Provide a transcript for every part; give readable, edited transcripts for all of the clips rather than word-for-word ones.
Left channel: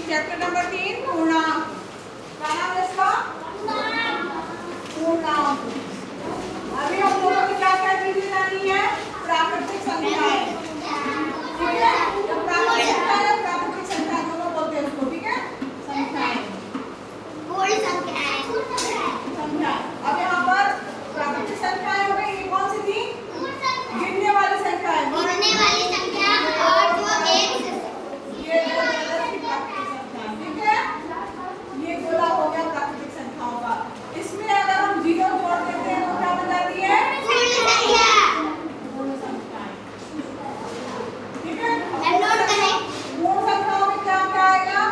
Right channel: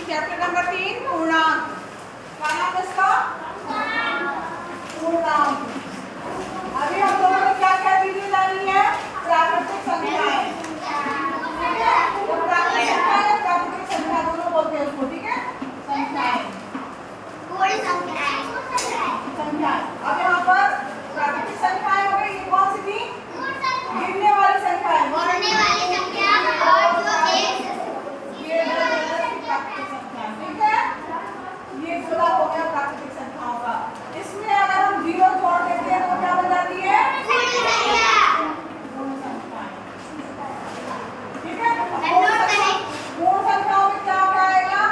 Chapter number 3 पूर्णांक। क्या नाम है इसका? पूर्णांक। अभी हम लोगों ने क्या क्या चीजें जानी है? प्राकृतिक संख्याएं। ठीक है, जब प्राकृतिक संख्या या प्राकृतिक संख्या दोनों बोलते हैं उसको। ठीक है, संख्याएं, संख्याएं। अब यहाँ पर प्राकृतिक संख्याएं हो गई। ये कौन सी थी? गिनने वाली संख्याएं। ठीक है, ये गोला हो गया प्राकृतिक संख्याओं का। इसमें अगर हम जीरो जोड़ देते हैं तो क्या बन जाती है? पूर्ण संख्याएं। ठीक है, पूर्ण संख्याओं में क्या क्या आएगा?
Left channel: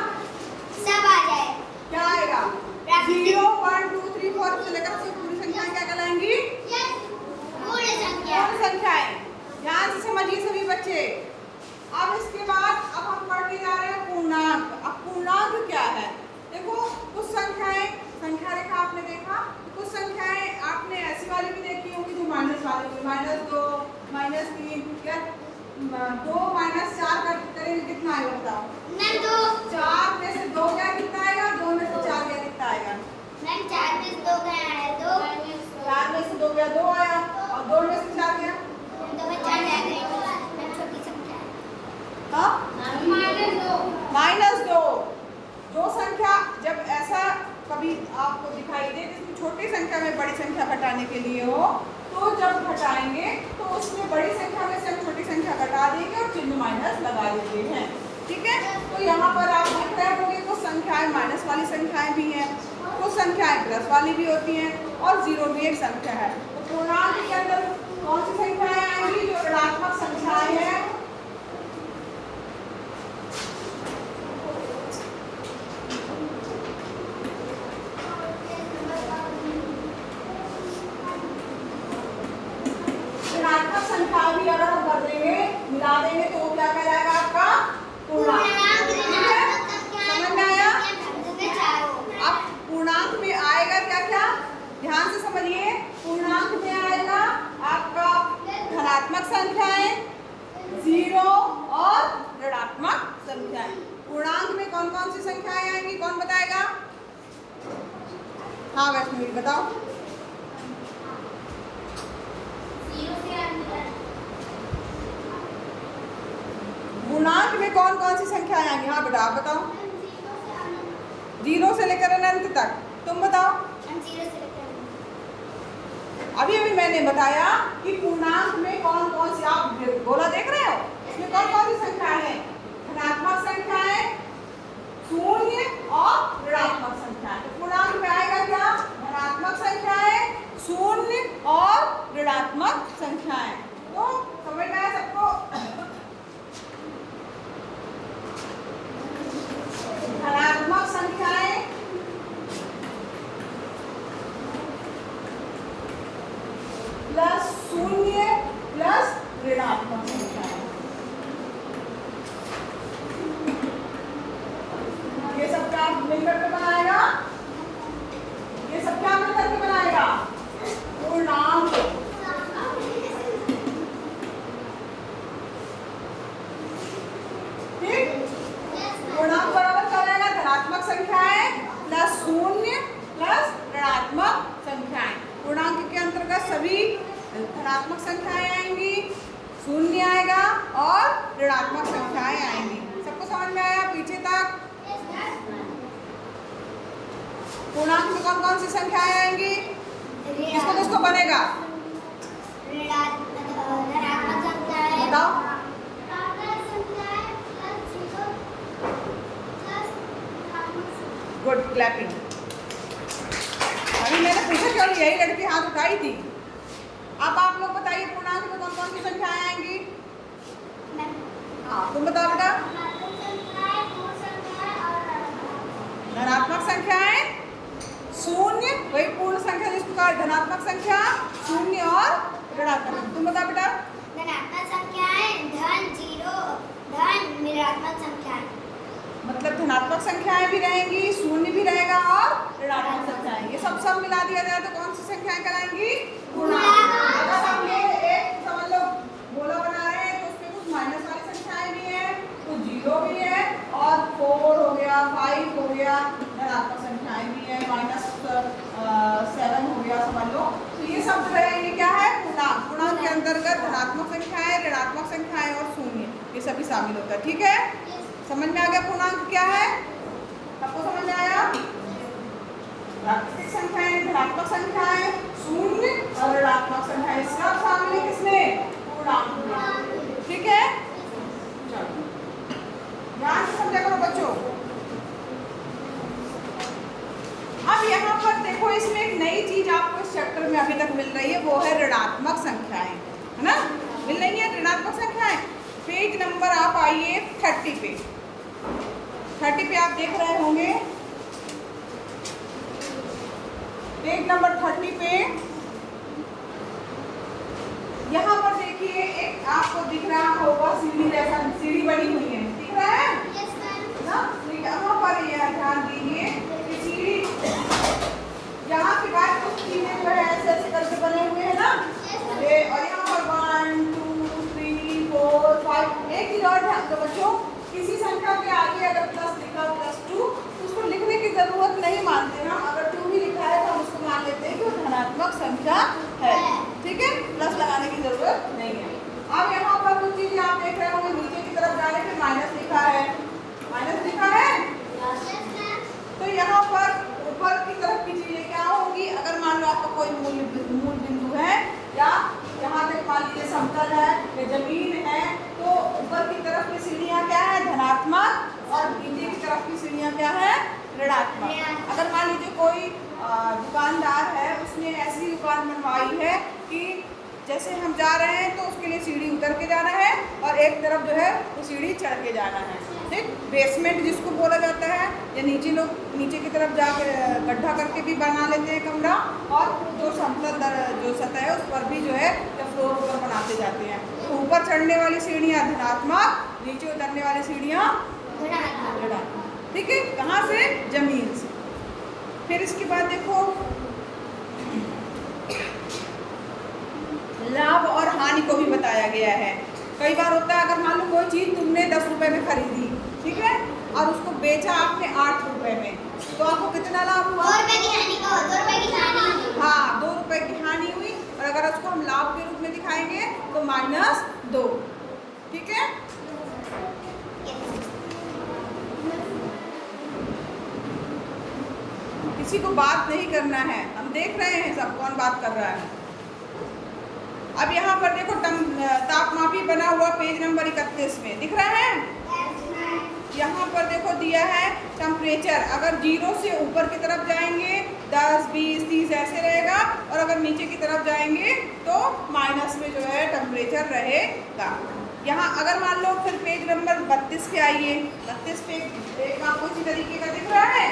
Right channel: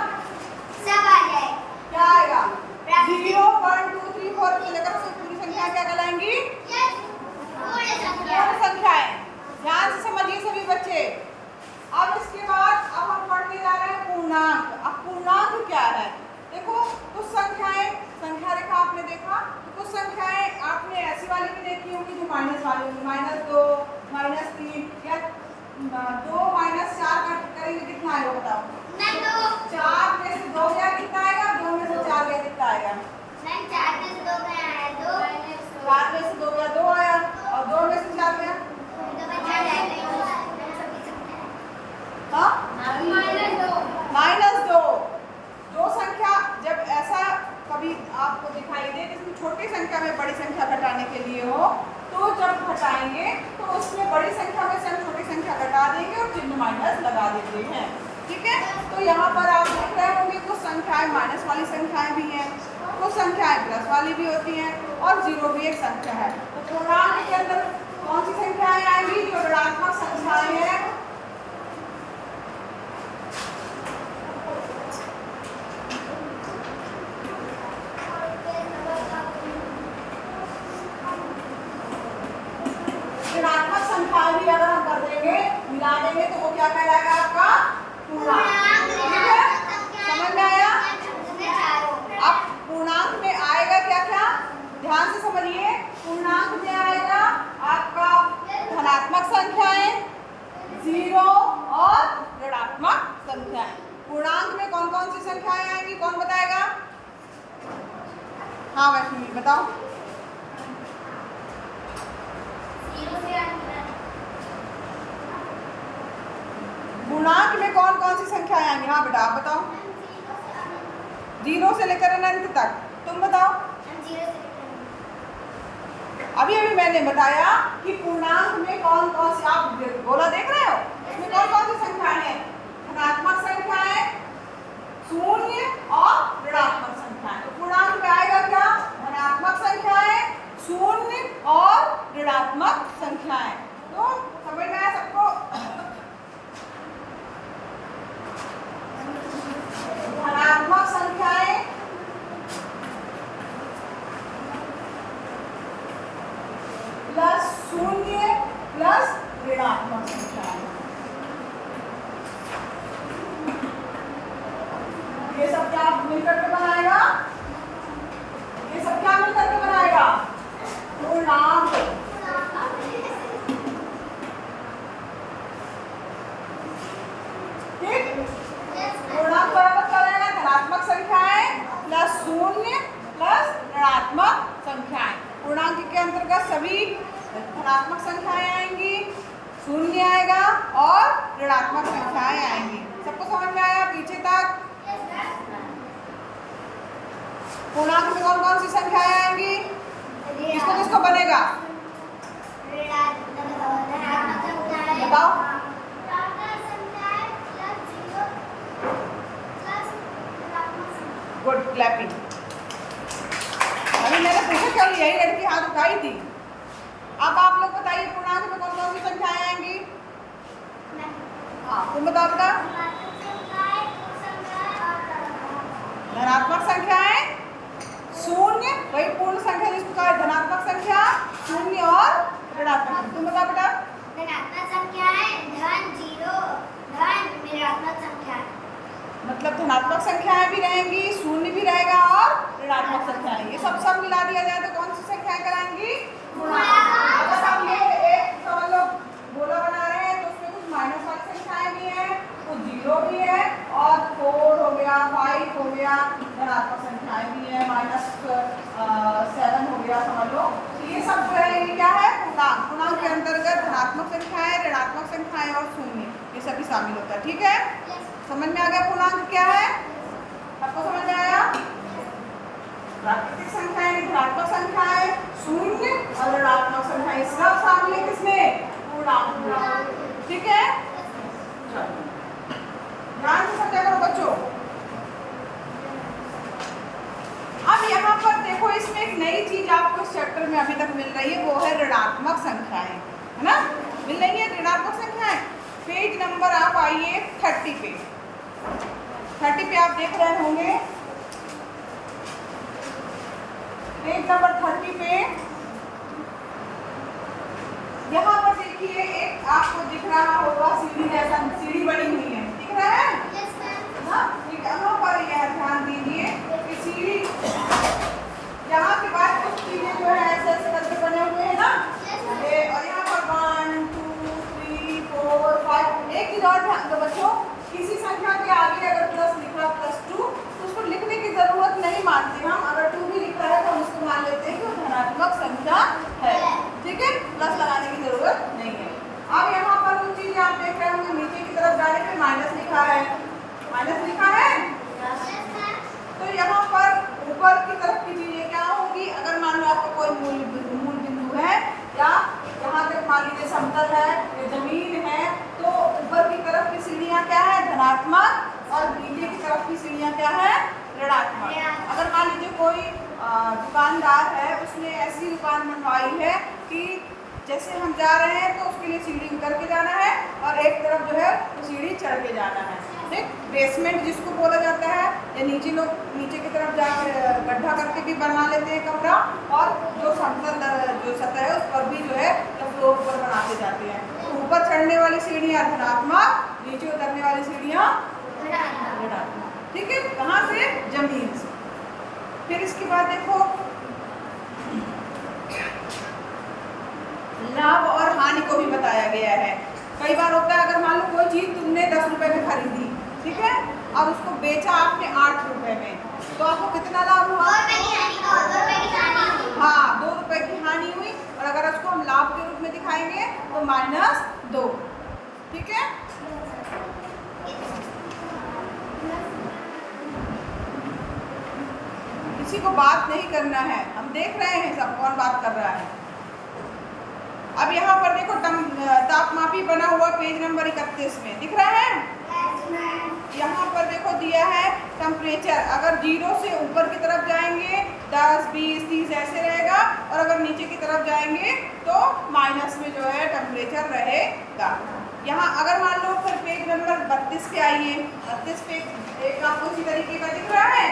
सब आ जाए। क्या आएगा? 0 1 2 3 4 से लेकर पूरी संख्याएं क्या कहलाएंगी? पूर्ण संख्याएं। ध्यान से समझिए सभी बच्चे। अब इसके बाद अब हम पढ़ने जा रहे हैं पूर्णांक। अब पूर्णांक क्या है? देखो, कुछ संख्याएं, संख्या रेखा आपने देखा, तो कुछ संख्याएं आपने ऐसी वाली भी देखी होंगी जो माइनस वाली होंगी। -2, -3 या 2 -4 करेंगे कितना आएगा बताओ? 4 में से 2 गया कितना आएगा? 2 में से 4 गया कितना आएगा? 4 में से 2 गया है 2। 4 में से 2 गया 2 आया, और 2 में से 4 गया हाँ -2। जो संख्या जब ऐसा कभी आपको दिखाई दे जिसमें छोटी संख्या में बड़ी संख्या घटाने के लिए हो, तो जब घटाएंगे तो उसमें बड़ी संख्या में से हम छोटी संख्या घटा देंगे और चिन्ह माइनस लगा देते हैं। ठीक है, तो यहाँ पर आप देख रहे होंगे कुछ संख्याएं माइनस वाली संख्याएं भी हैं, कुछ संख्याएं प्लस वाली भी होती हैं, और जीरो भी एक संख्या है। तो पूर्णांक के अंदर कौन सी संख्याएं आएंगी? जो ऋणात्मक संख्याएं हैं। ऋणात्मक संख्याएं भी अगर हम कर देंगे, मिला देंगे, तो वो क्या कहलाएगा? आपका पूर्णांक। ठीक है, समझ में आया? अब पूर्णांक में आएगा क्या क्या? ध्यान से समझिए। पूर्णांक में आएगा आपका धनात्मक संख्याएं, 0 और ऋणात्मक संख्याएं। पूर्णांक में कौन कौन सी संख्याएं आएंगी? कौन बताएगा? हाँ वैष्णवी बताओ। पूर्णांक में कौन कौन सी संख्याएं आएंगी? हाँ बेटा आप बताओ। 0 से लेकर अनंत तक। तुम बताओ। अभी अभी मैंने बताया कि पूर्णांक में कौन कौन सी, आप गोला देख रहे हो, इसमें कौन कौन सी संख्याएं हैं? धनात्मक संख्याएं, शून्य और ऋणात्मक संख्याएं। तो पूर्णांक में आएगा क्या? धनात्मक संख्याएं, शून्य और ऋणात्मक संख्याएं। तो समझ में आया सबको? धनात्मक संख्याएं प्लस शून्य प्लस ऋणात्मक संख्याएं। ये सब क्या मिलकर के बनाएगा? ये सब क्या मिलकर के बनाएगा? पूर्णांक। ठीक, पूर्णांक बराबर क्या रहेगा? धनात्मक संख्याएं प्लस शून्य प्लस ऋणात्मक संख्याएं। पूर्णांक के अंतर्गत सभी धनात्मक संख्याएं आएंगी, शून्य आएगा और ऋणात्मक संख्याएं आएंगी। सबको समझ में आया पीछे तक? पूर्णांक में कौन कौन सी संख्याएं आएंगी? किसको किसको बनेगा? बताओ। Good, clapping. अभी मैंने पूछा क्यों यही लड़की हाथ उठाई थी। अब आप लोग बताइए पूर्णांक में कौन कौन सी संख्याएं आएंगी? हाँ तुम बताओ बेटा। धनात्मक संख्याएं, शून्य, वही पूर्ण संख्या जिसको कहा धनात्मक संख्या, शून्य और ऋणात्मक। तुम बताओ बेटा। धनात्मक संख्याएं, धन, 0, धन, ऋणात्मक संख्याएं। मतलब धनात्मक संख्याएं भी रहेंगी, शून्य भी रहेगा और ऋणात्मक संख्याएं। ये सब मिला दिया जाए तो कौन सी संख्याएं कराएंगी? पूर्णांक। अगर हम ये एक समझ लो गोला बना रहे हैं तो उसमें कुछ माइनस वाली संख्याएं भी हैं, तो 0 भी है और 4 हो गया गया, 5 हो गया, धनात्मक संख्याएं भी है, -7 हो गया, समझ लो। तो ये सब जो है ये क्या है, पूर्णांक। पूर्णांक के अंतर्गत धनात्मक संख्याएं, ऋणात्मक संख्याएं और शून्य ये सभी शामिल होता है। ठीक है, समझ में आ गया पूर्णांक क्या है, आपको समझ में आया? प्राकृतिक संख्याएं, धनात्मक संख्याएं, शून्य और ऋणात्मक संख्याएं सब शामिल है किसमें, पूर्णांक में। ठीक है, ध्यान से समझा करो बच्चों। अब यहाँ पर देखो, इसमें एक नई चीज आपको इस चैप्टर में अभी तक मिल रही है, वो है ऋणात्मक संख्याएं, है ना, मिल रही है ऋणात्मक संख्याएं। पेज नंबर आप आइए 30 पे, 30 पे आप देख रहे होंगे, पेज नंबर 30 पे यहाँ पर देखिए एक आपको दिख रहा होगा सीढ़ी जैसा, सीढ़ी बनी हुई है, दिख रहा है ना? यहाँ पर यह ध्यान दीजिए कि सीढ़ी, यहाँ के बाद कुछ चीजें जो है ऐसे ऐसे करके बने हुए हैं ना, ये, और यहाँ पर 1 2 3 4 5। एक चीज और ध्यान दो बच्चों, किसी संख्या के आगे अगर प्लस लिखा +2 तो उसको लिखने की जरूरत नहीं मानते हम। अगर 2 भी लिखा है तो हम उसको मान लेते हैं कि वो धनात्मक संख्या है। ठीक है, प्लस लगाने की जरूरत नहीं है। अब यहाँ पर कुछ चीज आप देख रहे होंगे, नीचे की तरफ जाने पे माइनस लिखा है, माइनस लिखा है, तो यहाँ पर ऊपर की तरफ की चीजें क्या होगी, अगर मान लो आपका कोई मूल बिंदु है या यहाँ तक मान लीजिए समतल है या जमीन है, तो ऊपर की तरफ की सीढ़ियाँ क्या है, धनात्मक, और नीचे की तरफ की सीढ़ियाँ क्या है, ऋणात्मक। अगर मान लीजिए कोई दुकानदार है, उसने ऐसी दुकान बनवाई है कि जैसे हम जा रहे हैं तो उसके लिए सीढ़ी उतर के जाना है और एक तरफ जो है वो सीढ़ी चढ़ के जाना है। ठीक, बेसमेंट जिसको बोला जाता है, या नीचे लोग नीचे की तरफ जाकर गड्ढा करके भी बना लेते हैं कमरा, और जो समतल जो सतह है उस पर भी जो है फ्लोर ऊपर बनाते जाते हैं। तो ऊपर चढ़ने वाली सीढ़ियाँ धनात्मक, नीचे उतरने वाली सीढ़ियाँ ऋणात्मक। ठीक है, कहाँ से, जमीन से। फिर इसके बाद देखो लाभ और हानि को भी बताया गया है। कई बार होता है, अगर मान लो कोई चीज तुमने 10 रुपए में खरीदी, ठीक है, और उसको बेचा आपने 8 रुपए में, तो आपको कितना लाभ हुआ, 2 रुपए की हानि, 2 रुपए की हानि। हाँ, 2 रुपए की हानि हुई। और अगर उसको हम लाभ के रूप में दिखाएंगे तो -2। ठीक है, किसी को बात नहीं करना है, हम देख रहे हैं सब कौन बात कर रहा है। अब यहाँ पर देखो तापमापी बना हुआ पेज नंबर 31 में दिख रहा है। यहाँ पर देखो दिया है टेम्परेचर, अगर 0 से ऊपर की तरफ जाएंगे 10 20 30 ऐसे रहेगा, और अगर नीचे की तरफ जाएंगे तो माइनस में जो है टेम्परेचर रहेगा। यहाँ अगर मान लो फिर पेज नंबर 32 पे आइए, 32 पे एक आपको इसी तरीके का दिख रहा है,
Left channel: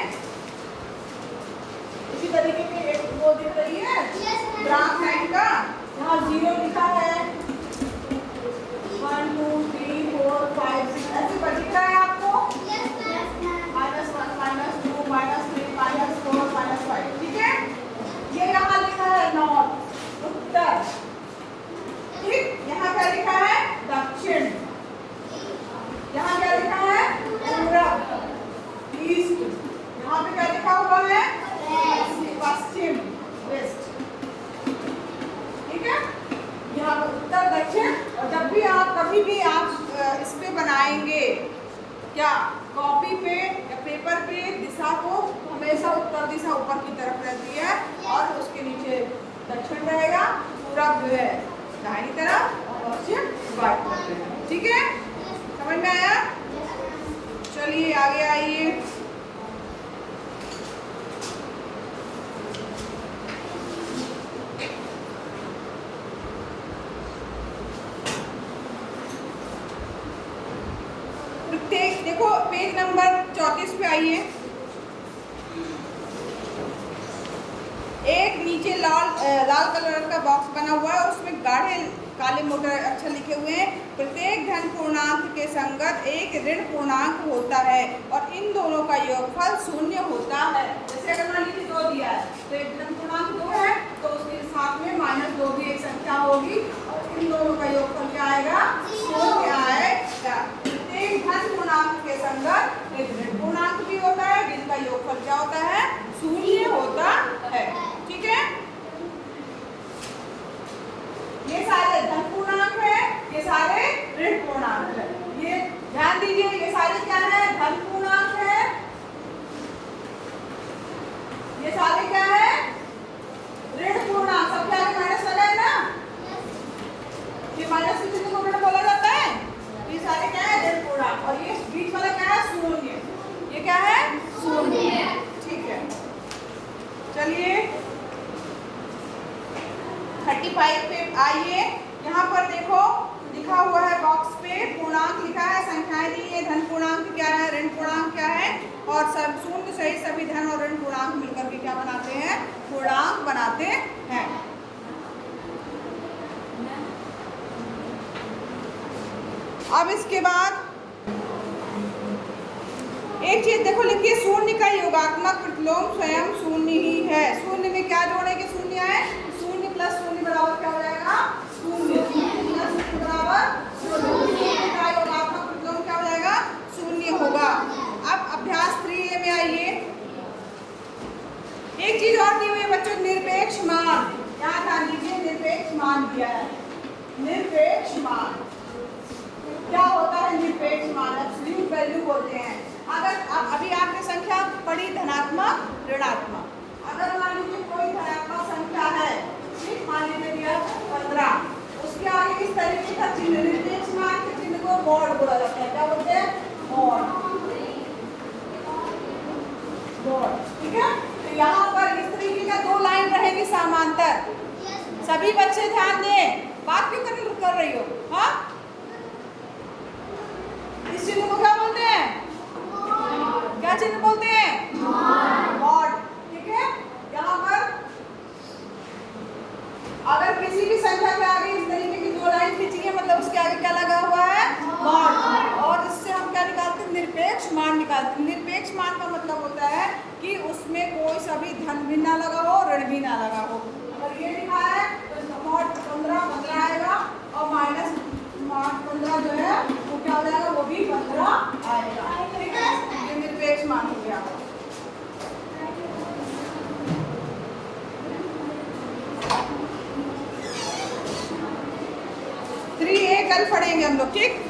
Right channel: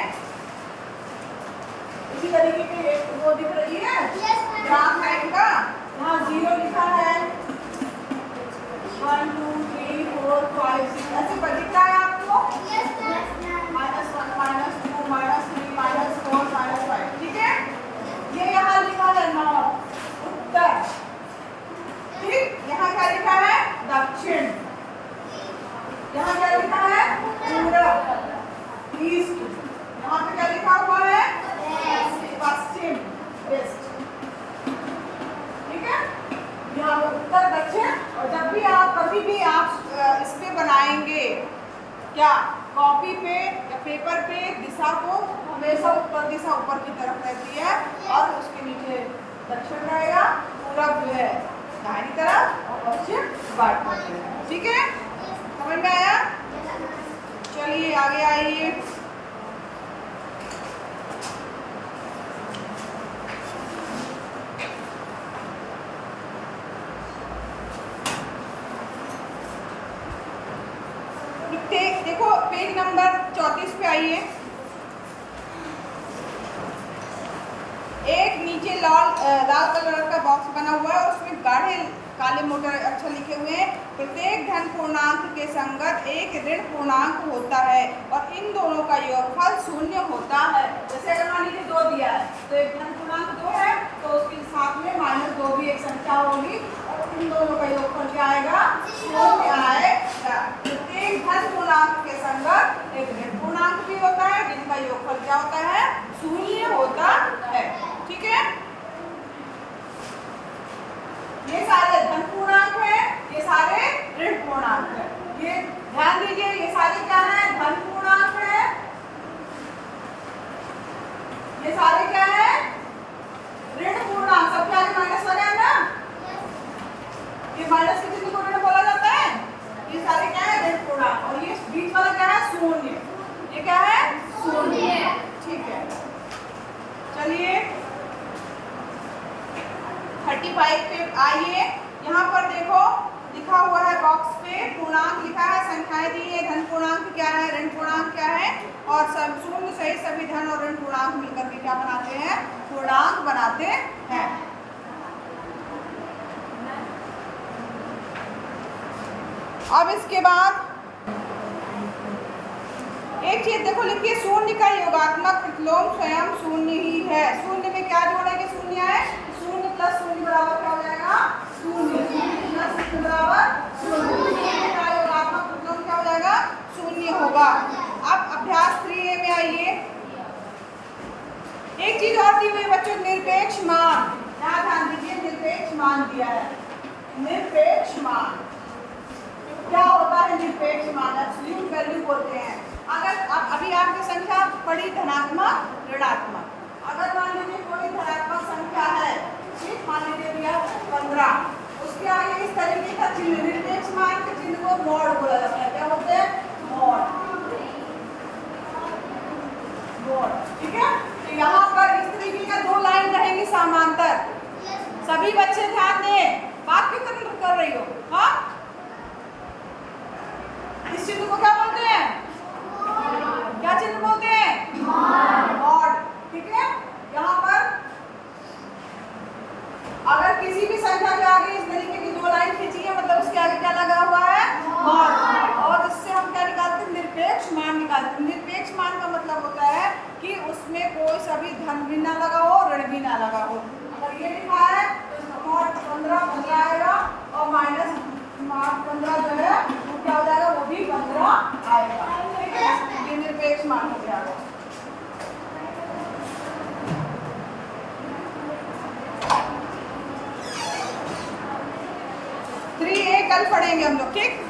इसी तरीके की एक वो दिख रही है ग्राफ लाइन का, यहाँ 0 लिखा है, 1 2 3 4 5 6 ऐसे पर दिख रहा है आपको, -1 -2 -3 -4 -5। ठीक है, ये यहाँ लिखा है नॉर्थ, उत्तर। ठीक, यहाँ क्या लिखा है, दक्षिण। यहाँ क्या लिखा है, पूरब, ईस्ट। यहाँ पे क्या लिखा हुआ है, पश्चिम, वेस्ट। ठीक है, यहाँ पे उत्तर दक्षिण। और जब भी आप कभी भी आप इस पे बनाएंगे क्या, कॉपी पे या पेपर पे, दिशा को हमेशा उत्तर दिशा ऊपर की तरफ रहती है और उसके नीचे दक्षिण रहेगा, पूरब जो है दाहिनी तरफ और पश्चिम बाएं तरफ। ठीक है, समझ में आया? चलिए आगे आइए। देखो पेज नंबर 34 पे आइए, एक नीचे लाल कलर का बॉक्स बना हुआ है, उसमें गाढ़े काले मोटे अक्षर लिखे हुए हैं, प्रत्येक धन पूर्णांक के संगत एक ऋण पूर्णांक होता है और इन दोनों का योगफल 0 होता है। जैसे अगर मान लीजिए 2 दिया है तो एक धन पूर्णांक 2 है तो उसके साथ में -2 भी एक संख्या होगी और इन दोनों का योगफल क्या आएगा, 0 आएगा। प्रत्येक धन पूर्णांक के संगत संगत एक ऋण पूर्णांक भी होता है जिनका योगफल क्या होता है, शून्य होता है। ठीक है, ये सारे धन पूर्णांक है, ये सारे ऋण पूर्णांक है। ये ध्यान दीजिए, ये सारे क्या है, धन पूर्णांक है, ये सारे क्या है, ऋण पूर्णांक। सबके आगे माइनस लगा है ना, ये माइनस के चिन्ह को ऋण बोला जाता है। ये सारे क्या है, ऋण पूर्णांक। और ये बीच वाला क्या है, शून्य। ये क्या है, शून्य। ठीक है, चलिए 35 पे आइए। यहाँ पर देखो लिखा हुआ है बॉक्स पे, पूर्णांक लिखा है, संख्याएं दी है, धन पूर्णांक क्या है, ऋण पूर्णांक क्या है, और सब शून्य सहित सभी धन और ऋण पूर्णांक मिलकर के क्या बनाते हैं, पूर्णांक बनाते हैं। अब इसके बाद एक चीज देखो लिखिए, शून्य का योगात्मक प्रतिलोम स्वयं शून्य ही है। शून्य में क्या जोड़ेंगे, शून्य है, शून्य प्लस शून्य बराबर क्या हो जाएगा, शून्य। प्लस शून्य बराबर शून्य का योगात्मक प्रतिलोम क्या हो जाएगा, शून्य होगा। अब अभ्यास 3A में आइए। एक चीज और दी हुई है बच्चों, निरपेक्ष मान। यहाँ ध्यान दीजिए, निरपेक्ष मान दिया है। निरपेक्ष मान क्या होता है, निरपेक्ष मान एब्सोल्यूट वैल्यू बोलते हैं। अगर अभी आपने संख्या पढ़ी धनात्मक ऋणात्मक, अगर मान लीजिए कोई धनात्मक संख्या है, ठीक, मान लीजिए दिया 15, उसके आगे इस तरीके का चिन्ह, निरपेक्ष मान के चिन्ह को मॉड बोला जाता है। क्या बोलते हैं, मॉड। मॉड, ठीक है। तो यहाँ पर इस तरीके का दो लाइन रहेंगी समांतर। सभी बच्चे ध्यान दें, बात क्यों कर रही हो, हाँ। इस चिन्ह को क्या बोलते हैं, क्या चिन्ह बोलते हैं, मॉड। ठीक है, यहाँ पर अगर किसी भी संख्या के आगे इस तरीके की दो लाइन खींची है, मतलब उसके आगे क्या लगा हुआ है, मॉड। और इससे हम क्या निकालते हैं, निरपेक्ष मान निकालते हैं। निरपेक्ष मान का मतलब होता है कि उसमें कोई सभी धन भी ना लगा हो, ऋण भी ना लगा हो। अगर ये लिखा है तो इसका मॉड 15 आएगा, और माइनस 15 जो है वो क्या हो जाएगा, वो भी 15 आएगा। ठीक है, ये निरपेक्ष मान हो गया। 3A कल पढ़ेंगे हम लोग, ठीक।